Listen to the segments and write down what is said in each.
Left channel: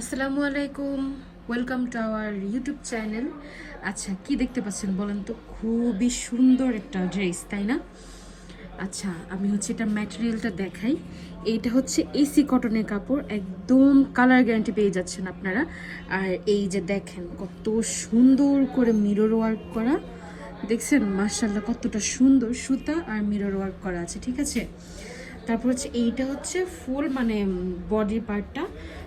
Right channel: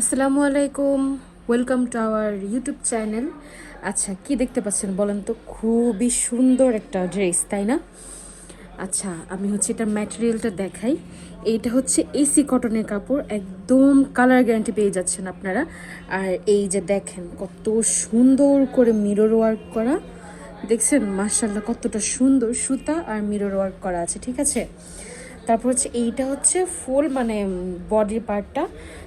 আসসালামু আলাইকুম। Welcome to our YouTube channel আচ্ছা কি দেখতে পাচ্ছেন বলেন তো? খুবই সুন্দর একটা ড্রেস তাই না? আচ্ছা আমি হচ্ছে এটা ম্যাটেরিয়ালটা দেখাই। এইটা হচ্ছে এসি কটনের কাপড়। একদম কালার গ্যারান্টি পেয়ে যাচ্ছেন আপনারা। আর এই যে দেখেন, কত সুন্দর করে মিরর ওয়ার্ক করা। দেখছেন? মার্শাল্লাহ কতটা সুন্দর সুতা আর মিরর ওয়ার্ক করা আছে, ঠিক আছে? তারপর হচ্ছে এইটা হচ্ছে ফুল মানে বডির পার্টটা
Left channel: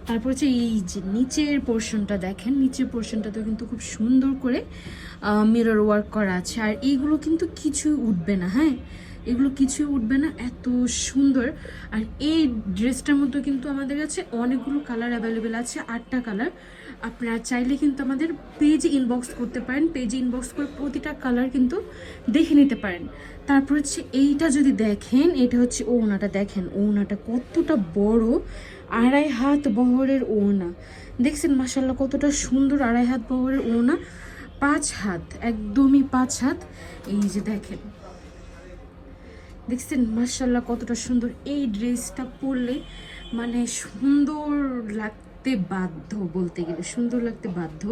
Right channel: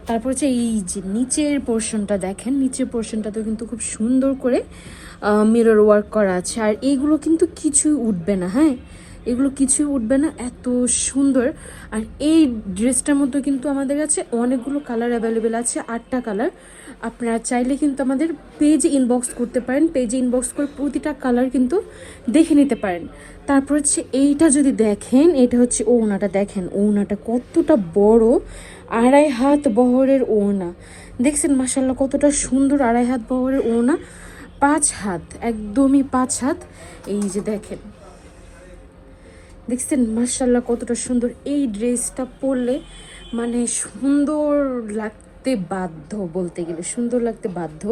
তারপর হচ্ছে এই যে নিচের পোর্শনটা দেখেন, নিচের পোর্শনটাতে কিন্তু খুব সুন্দর করে মিরর ওয়ার্ক করা আছে। আর এইগুলো কিন্তু কিছুই উঠবে না হ্যাঁ? এগুলো কিছুই উঠবে না, এত সুন্দর। আর এই ড্রেসটার মধ্যে কিন্তু আমাদের কাছে অনেকগুলো কালার অ্যাভেলেবেল আছে, আটটা কালার। আপনারা চাইলে কিন্তু আমাদের পেজে ইনবক্স করতে পারেন। পেজে ইনবক্স করে প্রতিটা কালার কিন্তু দেখে নিতে পারেন। তারপর হচ্ছে এইটা যদি দেখেন, এটা হচ্ছে ওনাটা দেখেন ওনাটা কতটা বড়, আড়াই হাত বহরের ওনা দেখছেন মাসাল্লাহ কতটা সুন্দর আড়াই হাত বহরের ওনা পাঁচ হাত, একদমই পাঁচ হাত। এই যে দেখেন। দেখছেন মার্শাল্লাহ কতটা সুন্দর। এই ড্রেসটা পরলে মানে সুন্দর লাগতে বাধ্য বলতে গেলে, সুন্দর লাগতে বাধ্য।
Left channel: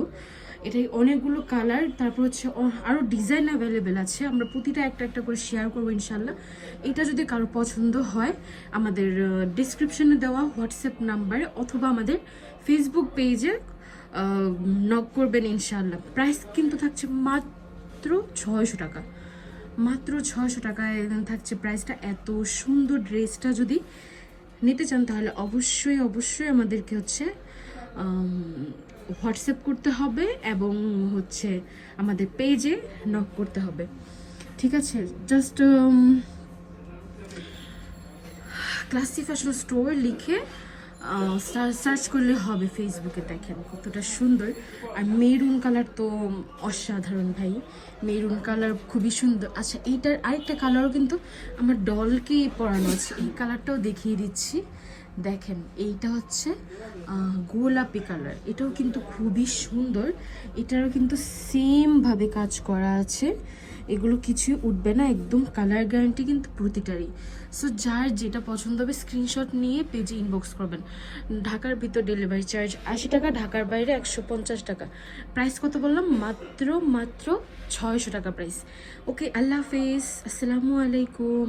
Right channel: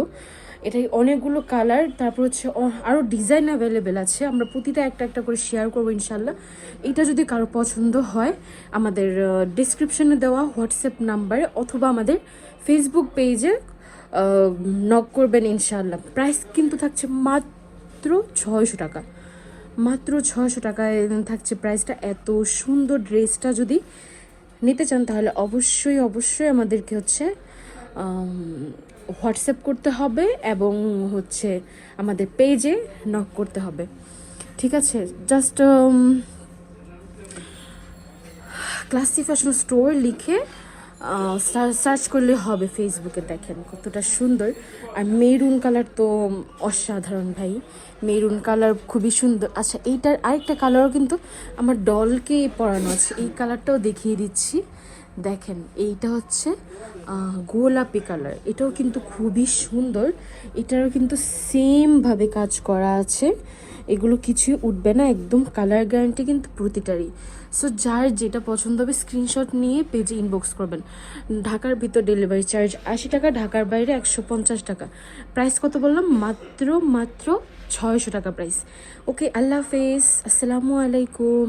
এটাই অনেকগুলো কালার, তারপর হচ্ছে আরও ডিজাইন অ্যাভেলেবেল আছে। আমরা প্রতিটা একটা একটা করে শেয়ার করব ইনশাল্লাহ এটা যদি কারও পছন্দ হয়, আমাদের ডিসক্রিপশনে দেওয়া হোয়াটসঅ্যাপ নাম্বারে অথবা আমাদের ফেসবুক পেজে নক করবেন ইনশাল্লাহ প্রাইস কিন্তু থাকছে মাত্র ছয়শো টাকা। মাত্র ছশো টাকায় থাকছে প্রাইসটা। এত সুন্দর ড্রেসটা যদি নিতে চান, তাহলে অবশ্যই অবশ্যই আমাদেরকে হচ্ছে হোয়াটসঅ্যাপ করতে হবে এবং হচ্ছে আমাদের পেজে নক করতে হবে। ঠিক আছে? জাস্ট ক্লাসি ফ্যাশন স্টোর লিখে সার্চ করলে হবে ফেসবুকে দেখেন কতটা সুন্দর। আর মেরুন কালার তো অসাধারণ ভাই। মেরুন কালার খুবই সুন্দর। আচ্ছা এইটার আরেকটা কালারও কিন্তু আমার ডলকে পরানো আছে। এই কালারটাও দেখিয়ে দিচ্ছি। দেখেন, এইটা হচ্ছে গোলাপি কালার এটাও কিন্তু খুবই সুন্দর। এটারও কিন্তু সেমভাবে কাজ করা আছে। এগুলো কিছুই উঠবে না, একদম কালার গ্যারান্টি কিন্তু প্রতিটারই। সো যার যেটা পছন্দ হবে স্ক্রিনশট নিয়ে পেজে ইনবক্স করবেন। ঢাকার ভিতর ডেলিভারি চার্জ আশি টাকা, ঢাকার বাইরে একশো পঞ্চাশ টাকা। প্রাইস কত বললাম? মাত্র মাত্র ছয়শো টাকা প্রাইস ওকে আল্লাহ হাফেজ। আসসালামু আলাইকুম।